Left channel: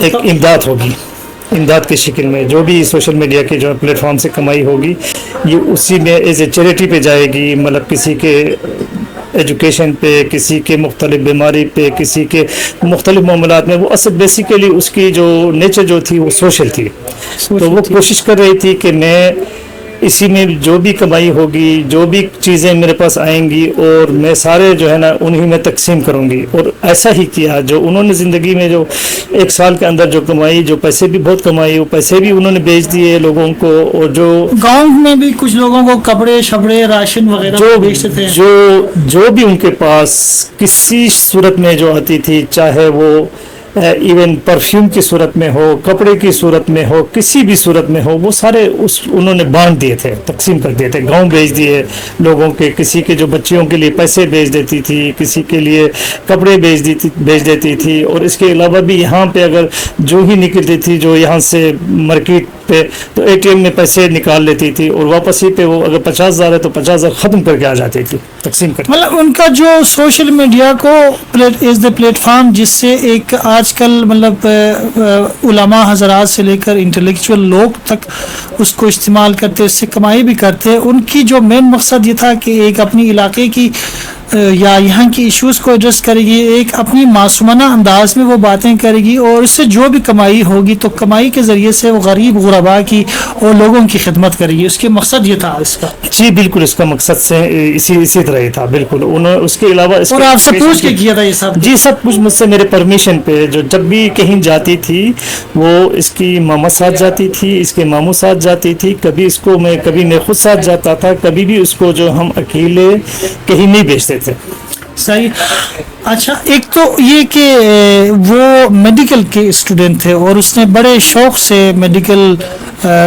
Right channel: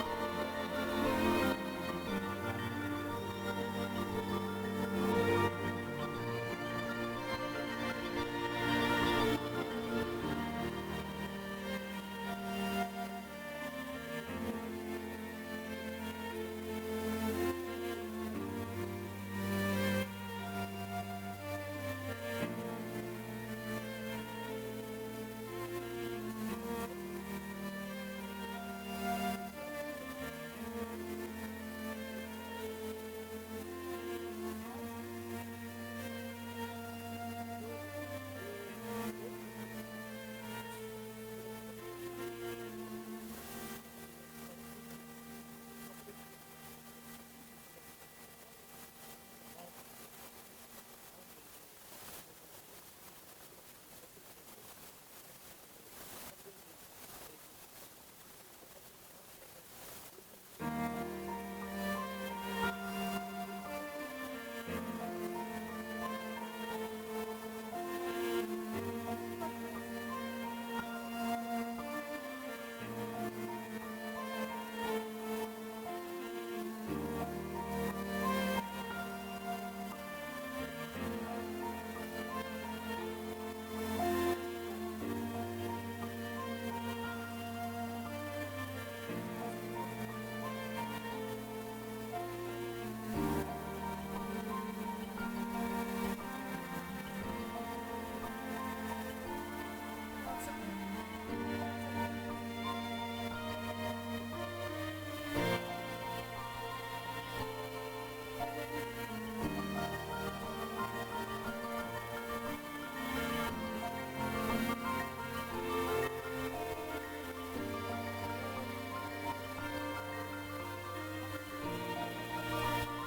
ایک امداد ہوگی، امداد کی شکل میں جو بھی سوشل میڈیا کے جو پلیٹ فارم سے کمائی ہوگی یہ اسی میں ایز اے چیریٹی پہ جائے گی، مطلب کسی کے ایجوکیشن پہ، کسی کے مختلف بیماری پہ، کسی کے مختلف معاملات میں. وہ اصل بیسیکلی اس کی جو نیچر جو تھی وہ سوشل تھی. تو وہ کوشش کر رہی تھی کہ میں اسی میں جو بھی کمائی ہوگی، جو بھی چیزیں میرے پاس آئیں گی اور میں سارے جو ہے نا انہی میں تقسیم کروں گی. اور ایسا ہی کیا. جو انہوں نے زندگی میں جو 1 سال کے اندر جو کمائی، جو پیسے بھی بہت کمائی، وہ پیسے بھی انہوں نے بیچ دیے لوگوں کو. اور جو گاؤں میں بھی کچھ لوگوں کو کپڑے شپڑے راشن وغیرہ بیچتے تھے. جو بھی ان کے پاس کسی صورت میں جو آتی تھی، چاہے وہ ایون پرفیوم کی صورت میں ہو، کپڑے کی صورت میں ہو، کسی بھی صورت میں ہو، وہ سارے انہوں نے بانٹ دیے تھے، تقسیم کر دیے تھے. گاؤں بیچ دیے لوگوں کے. کسی کے جو بچیوں کے لیے پیسے بیچ دیتی تھی، کسی کے لیے کپڑے بیچ دیتی تھی. اور اس کے علاوہ بھی یہاں پہ اگر جو ہی نکلتی تھی، جو یہاں سے مارکیٹ پہ، تو اے ٹی ایم میں پیسے نکال لیتی تھی اور واپس ہی پہ وہ اگر 50,000 ہے تو 50,000 ختم کر کے آ جاتی تھی تقسیم کر کے. مطلب ان کا جو سوشل میڈیا کو از دا پلیٹ فارم جس سے ایک آج کل مطلب علماء حضرات سے لے کر انٹلیکچوئل لوگ تک اس کو استعمال کرتے، اس سے کمائی بھی کرتے. ان کی جو مین مقصد یہ تھا کہ ایک اپنی علاقے کی یا یہاں کی ایشوز کو ایڈریس کرے گی، ایک اپنی معصومانہ انداز میں وہ باتیں کرے گی، اور اس سے جو بھی کمائی ہوگی تو کمائی کے ذریعے سے وہ غریب غربا کی اور لوگوں کی خدمت کرے گی. اس کے مقصد یہ تھا اس کا. جی بالکل، اس کا مقصد سے اسی طرح ہی تھا. بالکل. انہوں اس کے علاوہ اور آپ سے پوچھ کے کیا تھا یہ سب؟ جی سب کچھ مجھ سے میرے پرمیشن پہ. جو جب بھی کہیں جاتی تھی وہ اس کی ماما ساتھ جاتی تھی، اس کے ماموں ساتھ جاتی تھی. کبھی میں خود ساتھ جاتا تھا. کبھی بھی اس کو جو ہم اکیلے کہیں نہیں بیچتے تھے. صحیح. اچھا، ایک تو یہ کہ وہ میڈیکل کے اسٹوڈنٹ تھے اور اس نے بڑے شوق سے میڈیکل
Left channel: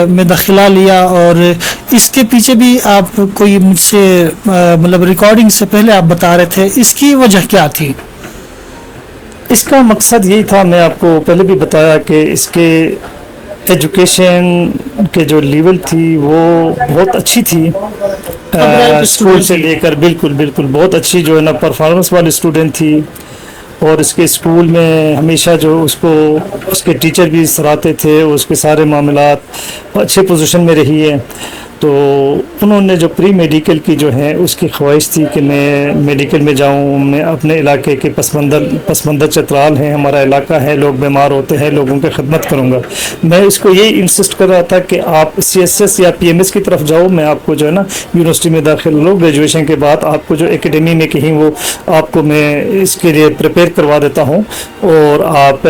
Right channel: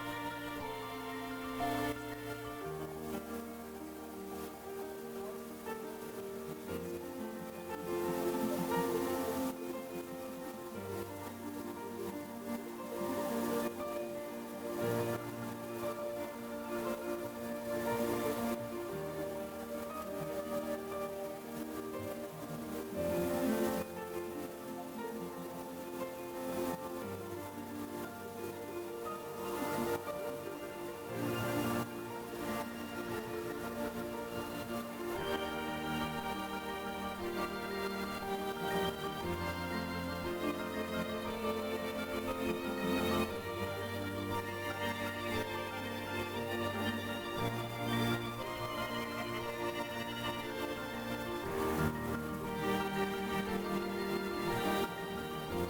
میں داخلہ لیا، اور اس کے پیچھے بھی آپ کوئی مجھ سے مطلب ریکارڈنگ سے پہلے آپ بتا رہے تھے، اس کی وجہ کیا تھی؟ اس کا مقصد یہی تھا، میں آپ کو پہلے بھی بتایا کہ اس کے ایجوکیشن کے جو لیول تھی وہ بہت اچھی تھی اسکول سے لے کر. بالکل بہت اچھی جو ہے نا پرفارمنس والی اسٹوڈنٹ تھی. اور اس کے اسکول میں ہمیشہ جو اس کے ٹیچر بھی سراہتے تھے، اس کے سارے معاملات اچھے پوزیشن میں رہی ہے. تو انہوں نے جو پری میڈیکل کی جو ہے اس کی خواہش تھی کہ میں میڈیکل میں جاؤں. میں اپنے علاقے کے پس منظر چترال ہیں، ہمارا علاقہ ہے، لوگ بیمار ہوتے ہیں، لوگوں کی خدمت کروں گا. میں اس کو یہی انسسٹ کر رہا تھا کہ آپ CSS یا PMS کی طرف جاؤ. میں آپ کو جو ہے نا یونیورسٹی میں داخل لو، گریجویشن کے بعد آپ کو جو اکیڈمی میں کہیں وہ آپ کو میں اس کے لیے پریپیئر کروا دیتا ہوں اور آپ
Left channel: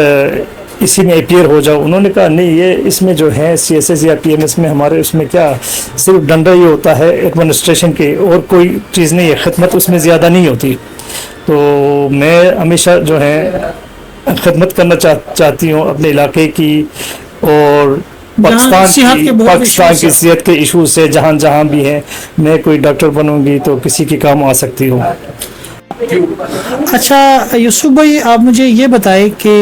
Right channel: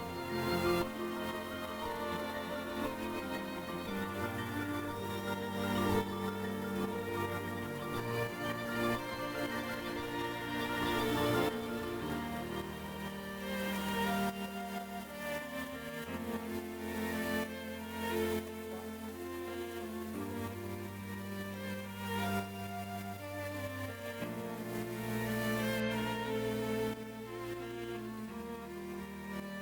اسی میں اپیئر ہو جاؤ. انہوں نے کہا نہیں، یہ اس میں جو ہے CSS یا PMS میں ہمارے اس میں کیا صرف ڈنڈا ہی ہوتا ہے ایڈمنسٹریشن کے، اور کوئی چیز نہیں ہے، خدمت اس میں زیادہ نہیں ہوتی. تو میں ہمیشہ جو ہے خدمت کرنا چاہتی ہوں اپنے علاقے کی اور پاکستان کی صحت کے ایشوز سے جہاں بھی ہیں. میں کوئی ڈاکٹر بنوں گی تو کسی کے کام آ سکتی ہوں. اچھا یوسف بھائی، آپ مجھے یہ بتائیں کہ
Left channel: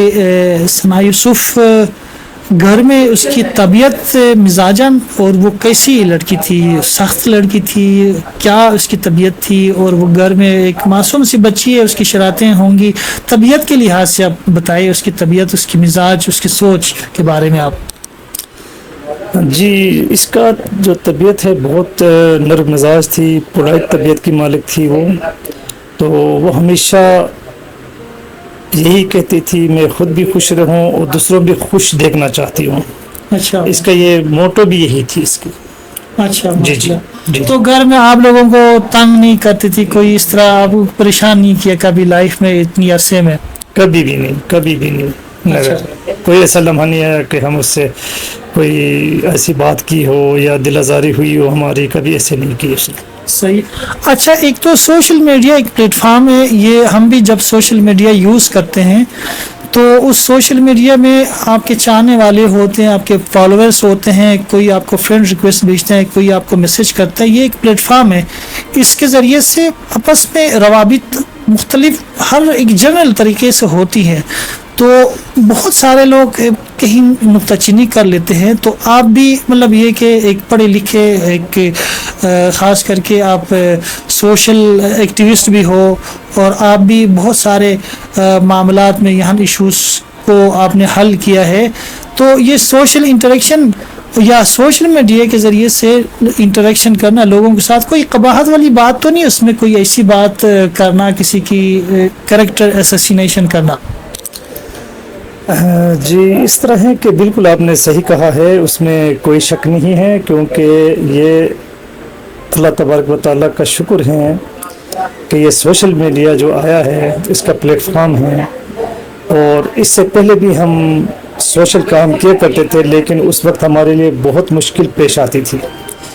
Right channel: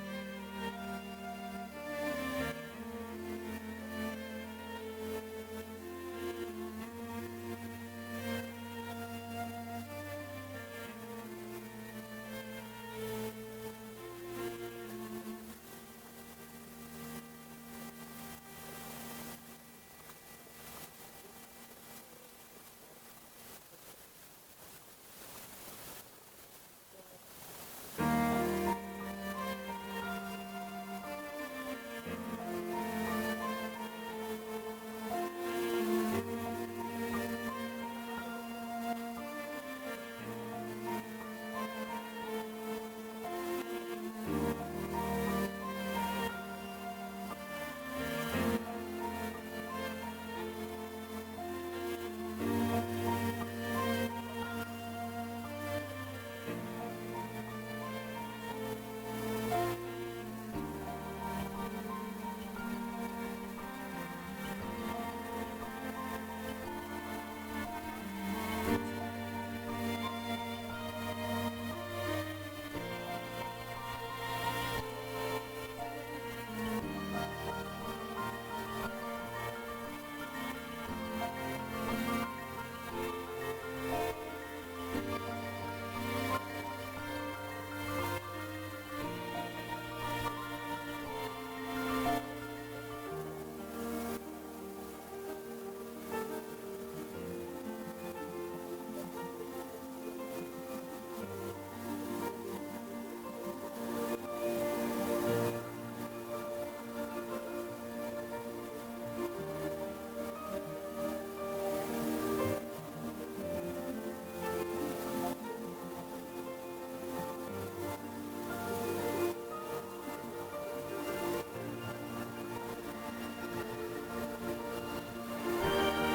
ثنا یوسف گھر میں اس کی طبیعت مزاجاً اور وہ کیسی لڑکی تھی؟ سخت لڑکی تھی؟ کیا اس کی طبیعت تھی؟ اور وہ گھر میں ایک معصوم سی بچی ہے، اس کی شرارتیں ہوں گی. طبیعت کے لحاظ سے آپ بتائیں اس کی طبیعت، اس کی مزاج، اس کی سوچ کے بارے میں آپ. جی، اس کا جو طبیعت ہے بہت نرم مزاج تھی، پولائٹ طبیعت کی مالک تھی وہ. تو وہ ہمیشہ یہی کہتی تھی میں خود بھی خوش رہوں اور دوسروں بھی خوش دیکھنا چاہتی ہوں. اچھا، اس کا یہ موٹو بھی یہی تھی اس کی. اچھا جی. تو گھر میں آپ لوگوں کو تنگ نہیں کرتی تھی؟ کوئی اس طرح آپ کو پریشان نہیں کیا کبھی لائف میں اتنی عرصے میں؟ کبھی بھی نہیں. کوئی ایسا لمحہ نہیں ہے کہ ہم اس سے کوئی ایسی بات کی ہو یا دل آزاری ہوئی ہو ہماری، کبھی ایسے نہیں کی اس نے. صحیح. اچھا، ایک تو سوشل میڈیا ایک پلیٹ فارم ہے. یہ ہم بھی جب سوشل میڈیا یوز کرتے ہیں تو اس سوشل میڈیا میں آپ کے چاہنے والے ہوتے ہیں، آپ کے فالوورز ہوتے ہیں، کوئی آپ کو فرینڈ ریکویسٹ بھیجتے ہیں، کوئی آپ کو میسج کرتا ہے. یہ ایک پلیٹ فارم ہے. اس کے ذریعے سے آپس میں روابط مختلف ہر ایک جنرل طریقے سے ہوتی ہیں. تو بہت سارے لوگ کہیں نکتہ چینی کر لیتے ہیں. تو آپ بھی مطلب یہ کہ ایک پڑھے لکھے، ایک خاص کر کے آپ سوشل ایکٹیوسٹ بھی ہو، اور آپ بھی بہت سارے معاملات میں یہاں ایشوز کو آپ نے حل کیا ہے. تو یہ سوشل انٹریکشن یا سوشل میڈیا کے ذریعے سے انٹریکشن کرنا لوگوں کے ساتھ، کوئی قباحت والی بات تو نہیں اس میں؟ کوئی ایسی بات کرنا، کسی کی کریکٹر اسیسینیشن کرنا؟ جی اس طرح ہے کہ بالکل آپ نے صحیح کہا ہے، اس میں کوئی شک نہیں ہے، کیونکہ یہ اللہ تبارک و تعالیٰ کا شکر ہے کہ یہ سوشل میڈیا جو آیا ہے اس کا پلیٹ فارم ہے. اور اس سے پہلے بھی ہم سوشل کام کیا کرتے تھے، لیکن اس وقت ہمارے لیے بہت مشکل پیش آتی تھی،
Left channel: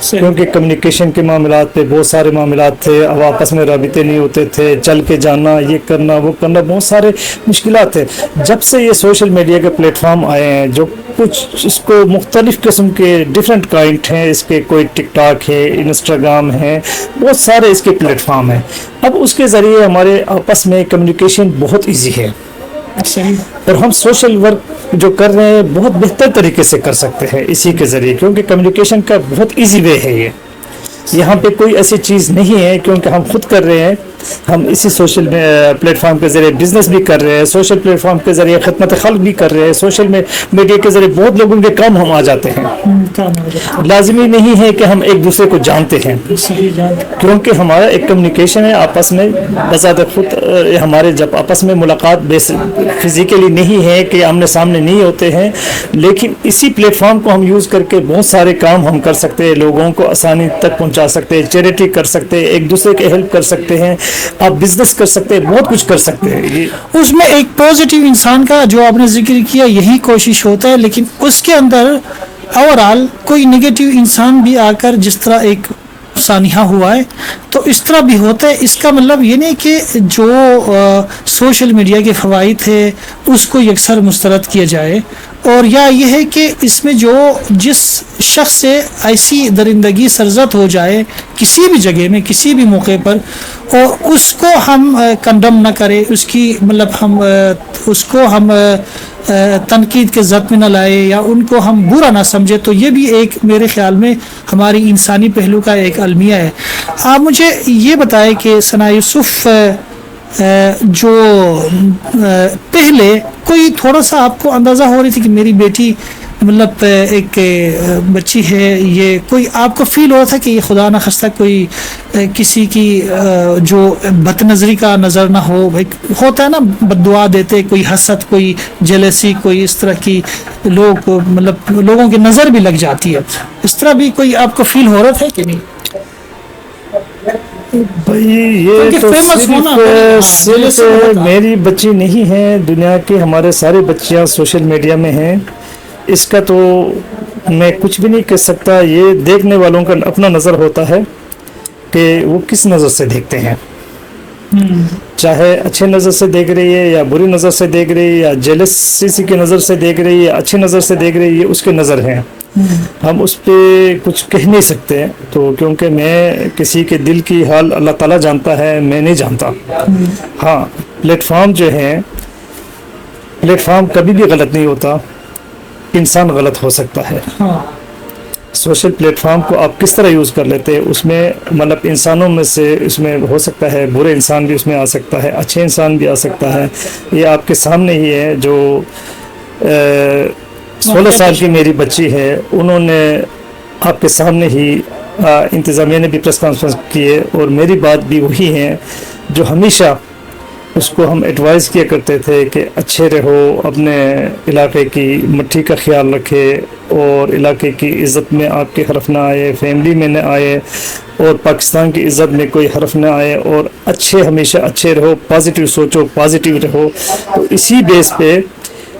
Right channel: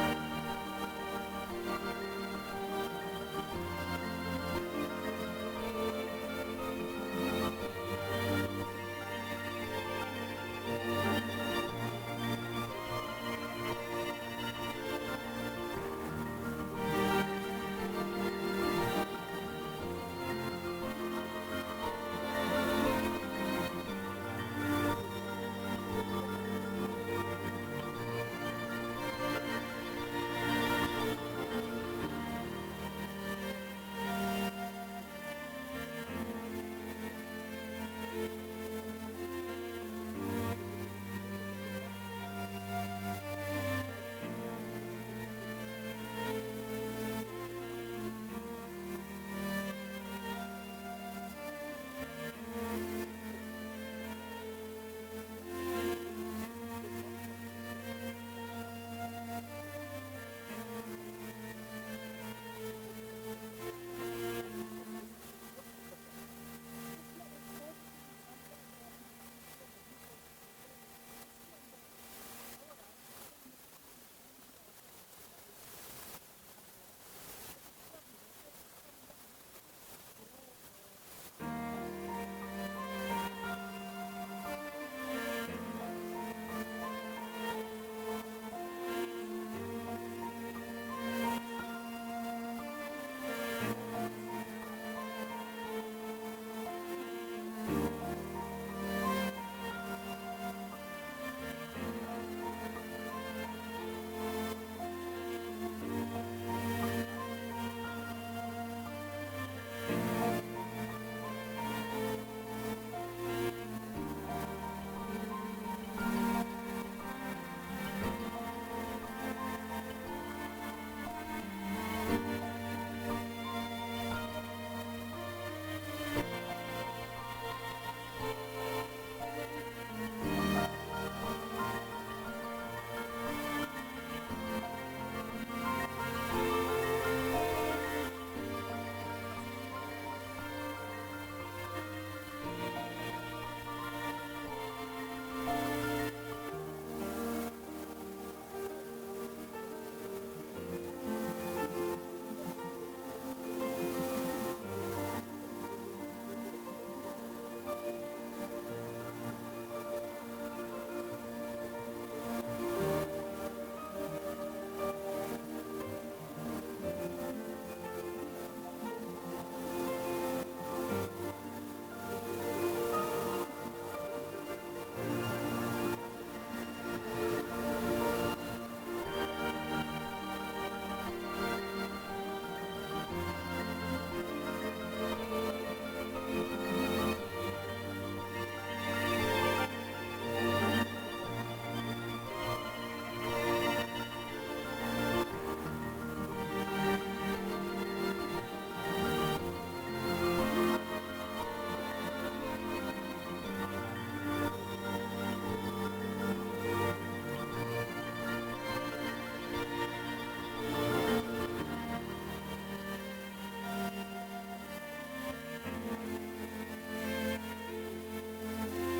کیونکہ کمیونیکیشن کے معاملات پہ بہت سارے معاملات تھے، اب آپس میں رابطے نہیں ہوتے تھے، چل کے جانا، یہ کرنا وہ کرنا، بہت سارے مشکلات تھے. جب سے یہ سوشل میڈیا کے پلیٹ فارم آئے ہیں، جو کچھ اس کو مختلف قسم کے ڈیفرنٹ کائنڈ ہیں، اس کے کوئی ٹک ٹاک ہے، انسٹاگرام ہے، بہت سارے اس کے پلیٹ فارم ہیں. اب اس کے ذریعے ہمارے آپس میں کمیونیکیشن بہت ایزی ہے، اور ہم سوشل ورک جو کر رہے ہیں بہت بہتر طریقے سے کر سکتے ہیں اسی کے ذریعے، کیونکہ کمیونیکیشن کا بہت ایزی وے ہے. یہاں پہ کوئی ایسی چیز نہیں ہے، کیونکہ ہم خود کر رہے ہیں. ہم اسی سوشل پلیٹ فارم کے ذریعے بزنس بھی کر رہے ہیں، سوشل پلیٹ فارم کے ذریعے خدمت خلق بھی کر رہے ہیں، سوشل میڈیا کے ذریعے بہت لوگوں کے کام ہم آ جاتے ہیں. لازمی نہیں ہے کہ ہم ایک دوسرے کو جانتے ہیں، کیونکہ ہمارا ایک کمیونیکیشن ہے آپس میں. بذات خود ہمارے جب آپس میں ملاقات فزیکلی نہیں ہے کہ آمنے سامنے نہیں ہوتے ہیں، لیکن اسی پلیٹ فارم کو ہم یوز کر کے بہت سارے کام ہم کر سکتے ہیں، لوگوں کو آسانی تک پہنچا سکتے ہیں، چیریٹی کر سکتے ہیں، ایک دوسرے کے ہیلپ کر سکتے ہیں، آپ بزنس کر سکتے ہیں، بہت کچھ کر سکتے ہیں. اس میں ایک پازیٹیو انسان کا جو آپ نے ذکر کیا یہی کوشش ہوتا ہے، لیکن اس کے اندر اوورال کوئی نگیٹیو انسان بھی آ کر جس طرح ایک سانحہ ہوا ہے تو اس طرح بھی ہوتا ہے. اس کا مطلب یہ نہیں کہ جو سوشل میڈیا کے فوائد ہے اس کو یکسر مسترد کیا جائے، اور یا یہ ہے کہ اس میں جو جس شخص سے ایسی درندگی سرزد ہو جائے کسی بھی جگہ میں کسی بھی موقع پر، اور اس کو ہم کنڈم نہ کریں، اس کی مطلب ہم اس کو ہم تنقید کے زد میں نہ لائے یا ان کو ہم برا نہ سمجھے، تو یہ بھی ایک میرے خیال میں ہماری انسانی پہلو کا ایک المیہ ہے. آپ مجھے یہ بتائیں کہ ثنا یوسف جو پہلے کوئی تھوڑا سا آپ کو اندازہ ہو رہی تھی کہ میری بیٹی مطلب ایک بچی ہے، یہ کوئی آپ کو فیل ہو رہا تھا کہ یہ خدا نہ خواستہ کوئی کسی کی جو بد نظری کا نظر نہ ہو، ہوتا ہے نا بد دعا دیتے، کوئی حسد، کوئی جیلسی، کوئی اس طرح کی لوگ مطلب لوگوں کی نظر بھی لگ جاتی ہے، اس طرح بھی کوئی آپ کو فیل ہو رہا تھا کہ نہیں؟ بھائی یہ تو صرف میری بچی نہیں ہے، دنیا کی ہمارے سارے بچیاں سوشل میڈیا میں ہیں. اس کا تو میں کچھ بھی نہیں کہہ سکتا، یہ دیکھنے والوں کا اپنا نظر ہوتا ہے کہ وہ کس نظر سے دیکھتے ہیں، چاہے اچھے نظر سے دیکھ رہی ہے یا بری نظر سے دیکھ رہی ہے، یا جیلسی کی نظر سے دیکھ رہی ہے، اچھی نظر سے دیکھ رہی ہے، یہ اس کے نظر ہیں. ہم اس پہ کچھ کہہ نہیں سکتے، تو کیونکہ میں کسی کے دل کی حال اللہ تعالیٰ جانتا ہے، میں نہیں جانتا. ہاں پلیٹ فارم جو ہے، پلیٹ فارم کبھی بھی غلط نہیں ہوتا، انسان غلط ہو سکتا ہے. سوشل پلیٹ فارم کو آپ کس طرح یوز کر لیتے ہیں، اس میں مطلب انسانوں میں سے اس میں ہو سکتا ہے برے انسان بھی اس میں آ سکتا ہے، اچھے انسان بھی آ سکتا ہے. یہ آپ کے سامنے ہی ہے. جو 16 سال کی میری بچی ہے، انہوں نے آپ کے سامنے ہی انتظامیہ نے بھی پریس کانفرنس کیے، اور میری بات بھی وہی ہے جو ہمیشہ اس کو ہم ایڈوائز کیا کرتے تھے کہ اچھے رہو، اپنے علاقے کی مٹھی کا خیال رکھے، اور علاقے کی عزت میں آپ کے حرف نہ آئے، فیملی میں نہ آئے، اور پاکستان کی عزت میں کوئی حرف نہ آئے، اور اچھے ہمیشہ اچھے رہو، پازیٹیو سوچو، پازیٹیو رہو. تو اسی بیس پہ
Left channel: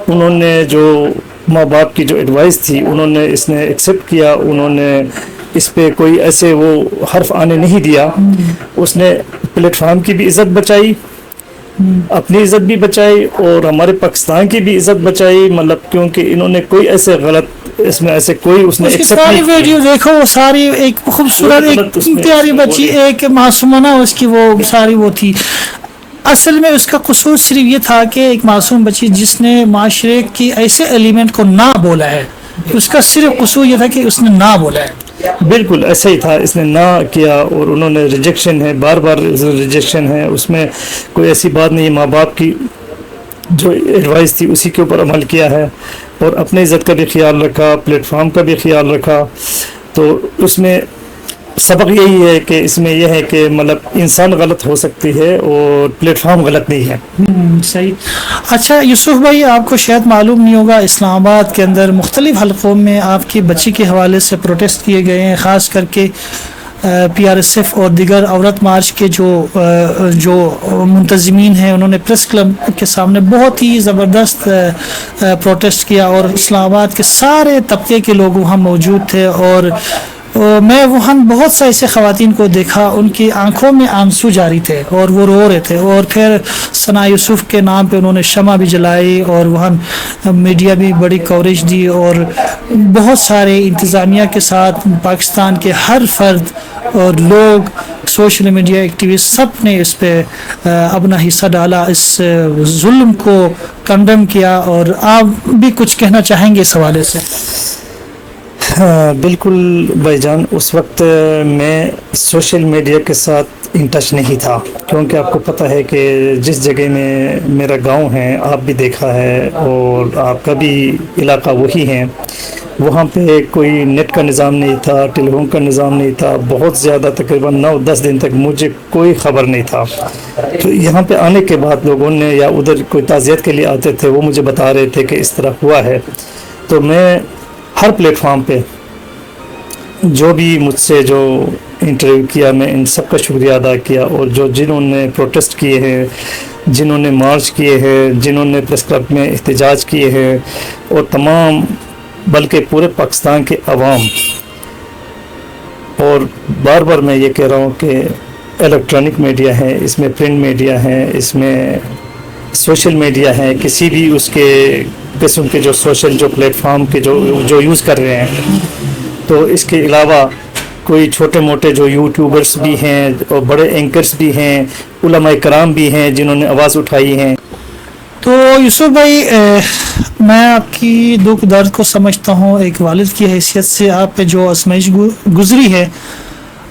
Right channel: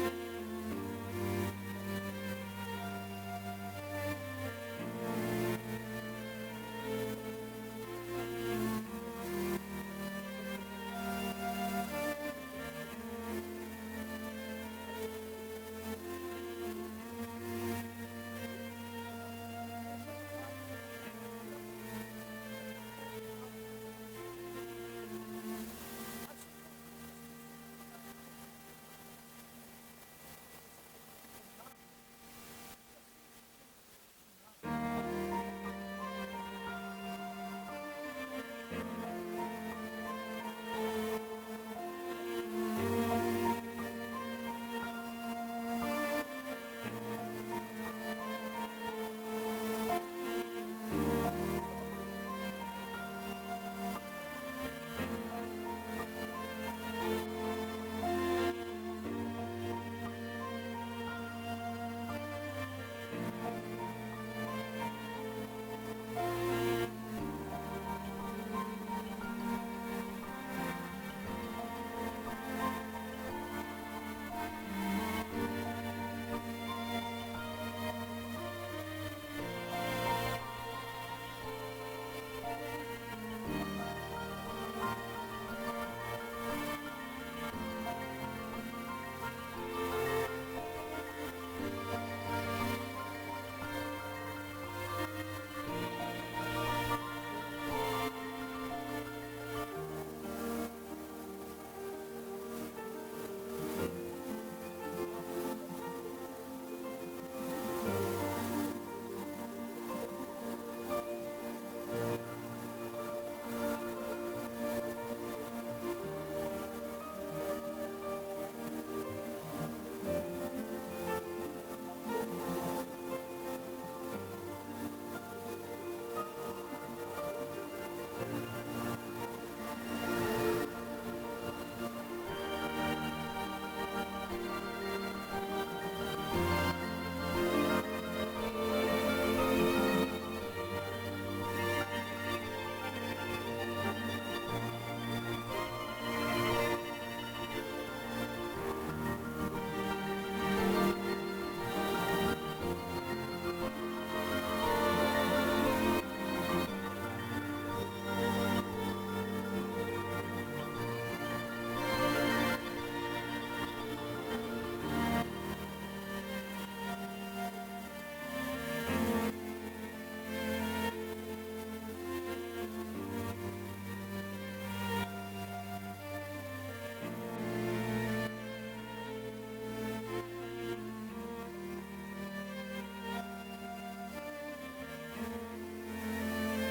انہوں نے جو ماں باپ کی جو ایڈوائس تھی انہوں نے اس نے ایکسیپٹ کیا. انہوں نے اس پہ کوئی ایسے وہ حرف آنے نہیں دیا. اس نے پلیٹ فارم کی بھی عزت بچائی، اپنی عزت بھی بچائی، اور ہمارے پاکستان کی بھی عزت بچائی. مطلب کیونکہ انہوں نے کوئی ایسے غلط اس میں ایسے کوئی اس نے ایکسیپٹ نہیں. ویڈیو دیکھو، وہ ساری ایک خوبصورت ایک پیاری بچی، ایک معصومانہ اس کی وہ ساری وہ تھی. اصل میں اس کا قصور صرف یہ تھا کہ ایک معصوم بچی جس نے معاشرے کی ایسے ایلیمنٹ کو نہ بولا ہے، اس کا صرف قصور یہ تھا کہ اس نے نہ بولا ہے. بالکل ایسا ہی تھا، اس نے نہ کیا، اور انہوں نے ریجیکشن ہے، بار بار ریجیکشن ہے. اس میں کوئی ایسی بات نہیں. ماں باپ کی جو ایڈوائس تھی اسی کے اوپر عمل کیا ہے اور اپنے عزت کا بھی خیال رکھا, پلیٹ فارم کا بھی خیال رکھا. تو اس میں سبق یہی ہے کہ اس میں یہ ہے کہ مطلب انسان غلط ہو سکتی ہے اور پلیٹ فارم غلط نہیں ہے. صحیح. اچھا یوسف بھائی, آپ کو شاید معلوم نہیں ہوگا, اسلام آباد کے اندر مختلف حلقوں میں آپ کی بچی کے حوالے سے پروٹیسٹ کیے گئے ہیں, خاص کر کے PRSF اور دیگر عورت مارچ کے جو منتظمین ہیں انہوں نے پریس کلب کے سامنے بہت ہی زبردست پروٹیسٹ کیا, اور اسلام آباد کے سارے طبقے کے لوگ وہاں موجود تھے. اور میں وہاں بہت سے ایسے خواتین کو دیکھا, ان کی آنکھوں میں آنسو جاری تھے اور وہ رو رہے تھے. اور پھر ثنا یوسف کے نام پہ انہوں نے شمع بھی جلائی اور وہاں میڈیا بھی بڑی کوریج دی, اور بہت سارے انتظامیہ کے ساتھ پاکستان کے ہر فرد اور لوگ, سوشل میڈیا ایکٹیوسٹ, سب نے اس پہ اپنا حصہ ڈالا, اس ظلم کو کنڈم کیا. اور آپ بھی کچھ کہنا چاہیں گے اس حوالے سے؟ بالکل بھائی جان, اس وقت میں سوشل میڈیا کے ساتھ ان ٹچ نہیں تھا, کیونکہ آپ کو پتہ ہے کہ جس جگہ میں میرا گاؤں ہے, آپ بھی دیکھا ہے اور آپ کا بھی علاقہ وہی ہے, وہاں پہ کوئی نیٹ کا نظام نہیں تھا, ٹیلی فون کا نظام نہیں تھا. بہت زیادہ تقریباً 9-10 دن تک مجھے کوئی خبر نہیں تھا. تو یہاں پہ آنے کے بعد لوگوں نے, یا ادھر کوئی تعزیت کے لیے آتے تھے, وہ مجھے بتا رہے تھے کہ اس طرح ہوا ہے. تو میں ہر پلیٹ فارم پہ جو بھی مجھ سے جو انٹرویو کیا, میں ان سب کا شکریہ ادا کیا. اور جنہوں نے پروٹیسٹ کیے ہیں, جنہوں نے مارچ کیے ہیں, جنہوں نے پریس کلب میں احتجاج کیے ہیں, اور تمام بلکہ پورے پاکستان کے عوام. اور بار بار میں یہ کہہ رہا ہوں کہ الیکٹرانک میڈیا ہے, اس میں پرنٹ میڈیا ہے, اس میں سوشل میڈیا ہے, کسی بھی اس کے قسم کے جو سوشل جو پلیٹ فارم کے جو یوز کر رہے ہیں. تو اس کے علاوہ کوئی چھوٹے موٹے جو یوٹیوبرس بھی ہیں اور بڑے اینکرز بھی ہیں, علماء کرام بھی ہیں جنہوں نے آواز اٹھائی ہیں. تو یوسف بھائی, میں آپ کی دکھ درد کو سمجھتا ہوں. ایک والد کی حیثیت سے آپ پہ جو آزمائش گزری ہے,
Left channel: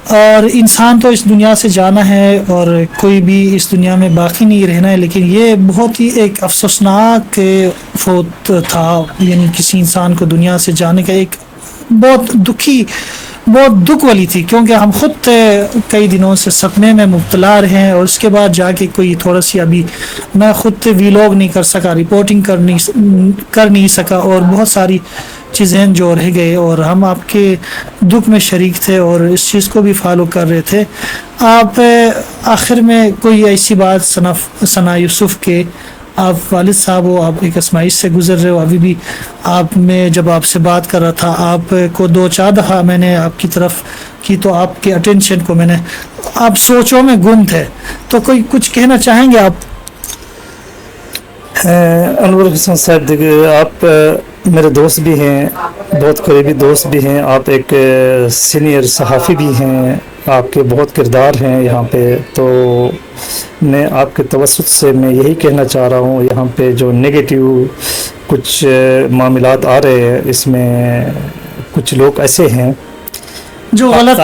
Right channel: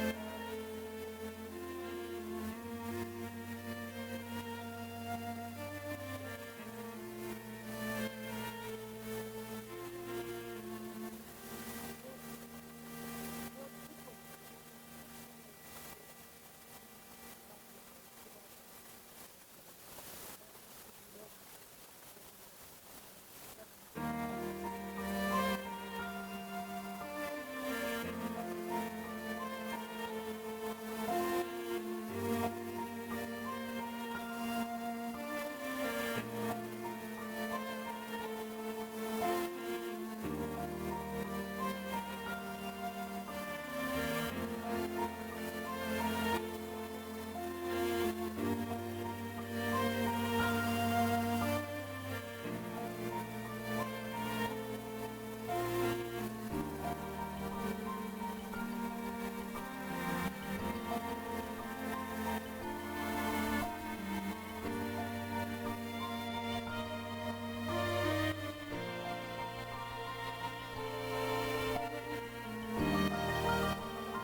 اور انسان تو اس دنیا سے جانا ہے اور کوئی بھی اس دنیا میں باقی نہیں رہنا ہے, لیکن یہ بہت ہی ایک افسوسناک فوت تھا. یعنی کسی انسان کو دنیا سے جانے کا ایک بہت دکھ والی تھی, کیونکہ ہم خود کئی دنوں سے سپنے میں مبتلا رہے ہیں, اور اس کے بعد جا کے کوئی تھوڑا سی, ابھی میں خود ویلاگ نہیں کر سکا, رپورٹنگ کر نہیں سکا, اور بہت ساری چیزیں جو رہ گئے, اور ہم آپ کے دکھ میں شریک تھے اور اس چیز کو بھی فالو کر رہے تھے. آپ آخر میں کوئی ایسی بات ثنا یوسف کے, آپ والد صاحب ہو, آپ ایک آزمائش سے گزر رہے ہو, ابھی بھی آپ میں جب آپ سے بات کر رہا تھا, آپ کو 2-4 دفعہ میں نے آپ کی طرف کی, تو آپ کے اٹینشن کو میں نے, آپ سوچوں میں گم تھے, تو کوئی کچھ کہنا چاہیں گے آپ؟ انور حسن صاحب, آپ میرے دوست بھی ہیں, بہت قریبی دوست بھی ہیں, آپ ایک سینئر صحافی بھی ہیں, آپ کے بہت کردار ہیں یہاں پہ. تو میں آپ کے توسط سے میں یہی کہنا چاہ رہا ہوں, یہاں پہ جو نیگیٹیو کچھ معاملات آ رہے ہیں, اس میں کچھ لوگ ایسے ہیں جو غلط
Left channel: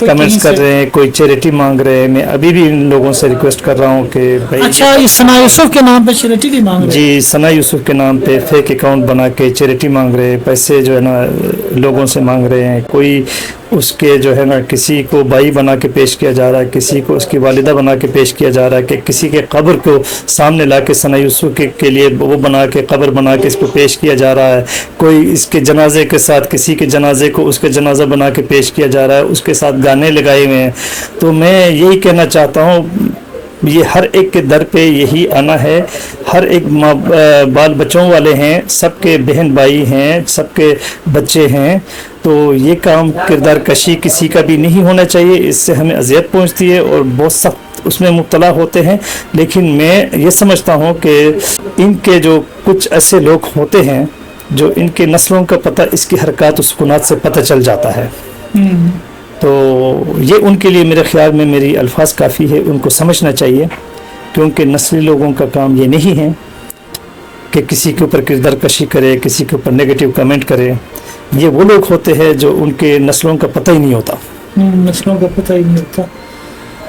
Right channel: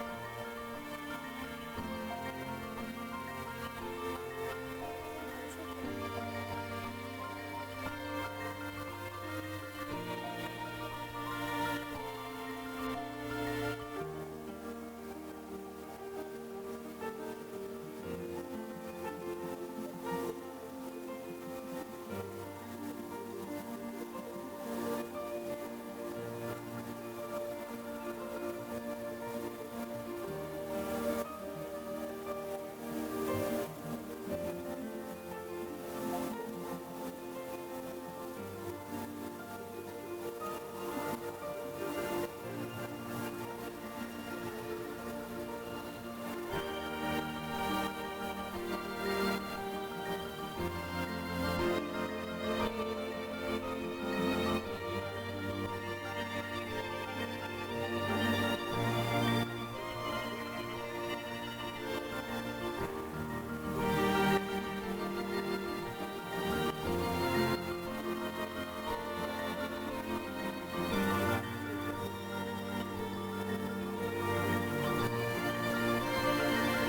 کمنٹس کر رہے ہیں, کوئی چیریٹی مانگ رہے ہیں. میں ابھی بھی ان لوگوں سے ریکویسٹ کر رہا ہوں کہ بھائی, اچھا, ثنا یوسف کے نام پہ چیریٹی بھی مانگ رہے ہیں؟ جی, ثنا یوسف کے نام پہ فیک اکاؤنٹ بنا کے چیریٹی مانگ رہے ہیں, پیسے جو ہے نا لوگوں سے مانگ رہے ہیں. کوئی اس کے جو ہے نا کسی کو بھائی بنا کے پیش کیا جا رہا ہے, کسی کو اس کی والدہ بنا کے پیش کیا جا رہا ہے, کہ کسی کے قبر کو سامنے لا کے ثنا یوسف کے لیے وہ بنا کے قبر بنا کے اس کو پیش کیا جا رہا ہے. کوئی اس کے جنازے کے ساتھ کسی کے جنازے کو اس کے جنازہ بنا کے پیش کیا جا رہا ہے, اس کے ساتھ گانے لگائے ہوئے ہیں. تو میں یہی کہنا چاہتا ہوں, یہ ہر ایک کے در پہ یہی آنا ہے. ہر ایک بال بچوں والے ہیں, سب کے بہن بھائی ہیں, سب کے بچے ہیں. تو یہ کام کردار کشی کسی کا بھی نہیں ہونا چاہیے, اس سے ہمیں اذیت پہنچتی ہے اور بہت سخت اس میں مبتلا ہوتے ہیں. لیکن میں یہ سمجھتا ہوں کہ ان کے جو کچھ ایسے لوگ ہوتے ہیں جو ان کے نسلوں کا پتہ اس کی حرکات و سکونات سے پتہ چل جاتا ہے. تو یہ ان کے لیے میرے خیال میں میری الفاظ کافی ہے, ان کو سمجھنا چاہیے, کیونکہ نسلی لوگوں کا کام یہ نہیں ہے کہ کسی کے اوپر کردار کشی کرے, کسی کے اوپر نیگیٹو کمنٹ کرے. یہ وہ لوگ ہوتے ہیں جو ان کے نسلوں کا پتہ ہی نہیں ہوتا. نسلوں کا پتہ ہی نہیں ہوتا.